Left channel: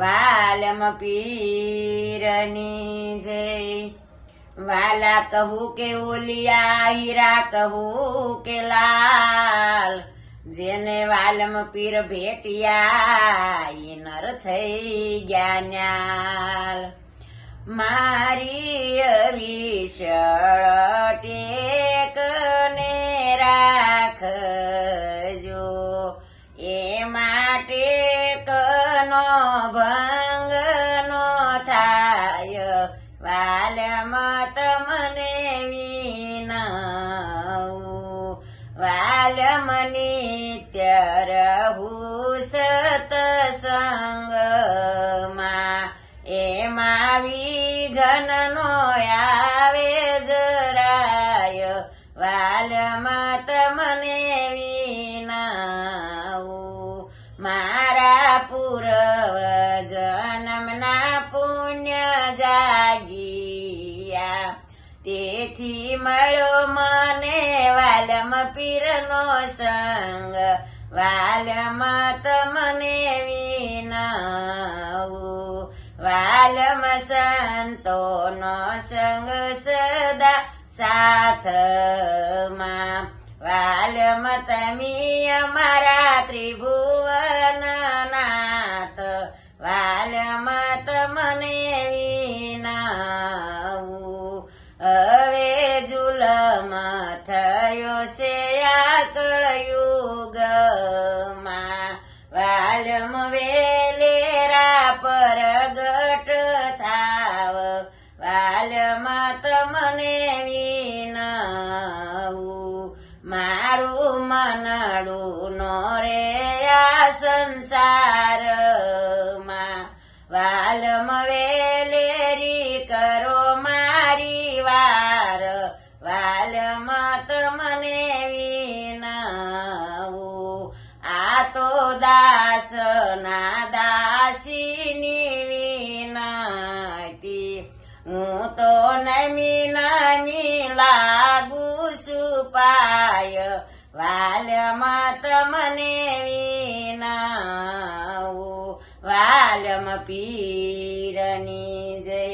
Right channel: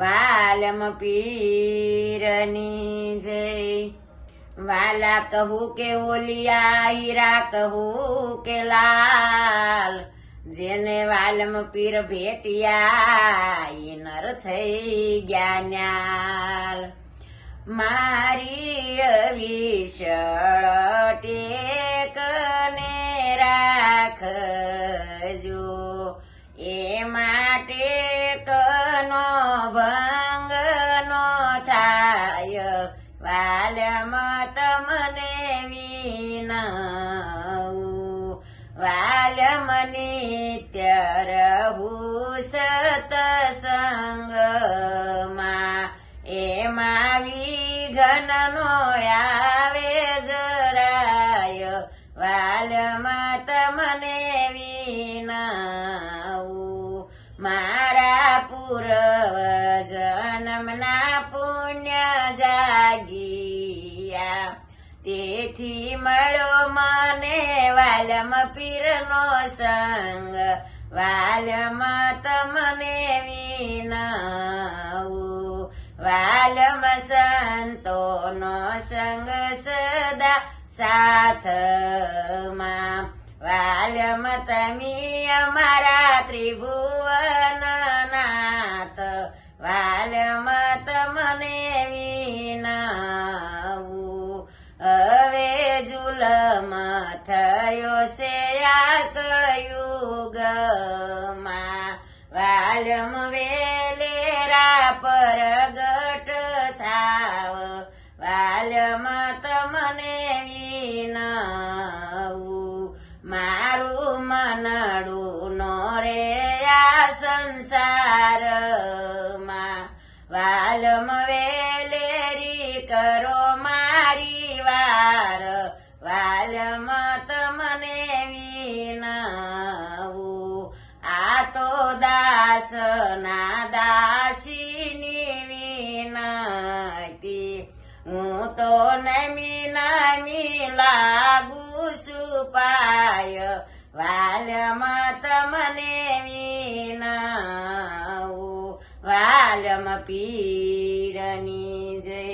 વાલમ પીરની જય। વાલા કહું કે ઓલિયા હીરા કહું કે લાલ, જેને વાલમ પીર ભેટિયા ઈ નર થઈ ગયા ન્યાલ। મારી અવિશળ ટેક ને રાખજો, એ માટે કનો ભંગ નો થાય। વાલમ તમને વિનવું, વાલમ નિત્ય રહું સતસંગમાં, એમાં વિઘન નો આવે જરાય। વાલમ તમને વિનવું, મારા પૂર્વ જન્મના પુણ્ય જાગિયા, તેથી મળ્યો મને વાલમ પીરનો સંગ। વાલમ તમને વિનવું, વાલમ સંતોનો સંગ સદા સાથમાં। વાલમ તમે અમારા ત્રિભુવનનાથ, વાલમ તમને વિનવું। હવે જુલમ થયો છે આ કળયુગમાં, વાલમ વેલેરા પરગટ થાવ। વાલમ તમને વિનવું, મારું મનડું નો રે આ સંસારમાં। વાલમ વેલેરી કરો મારી વાર, વાલમ તમને વિનવું। આ તો દાસ ના દાસીની વિનતી, હું તો નમી નમી લાગુ સુપાય। વાલમ તમને વિનવું, વાલમ પીરની જય।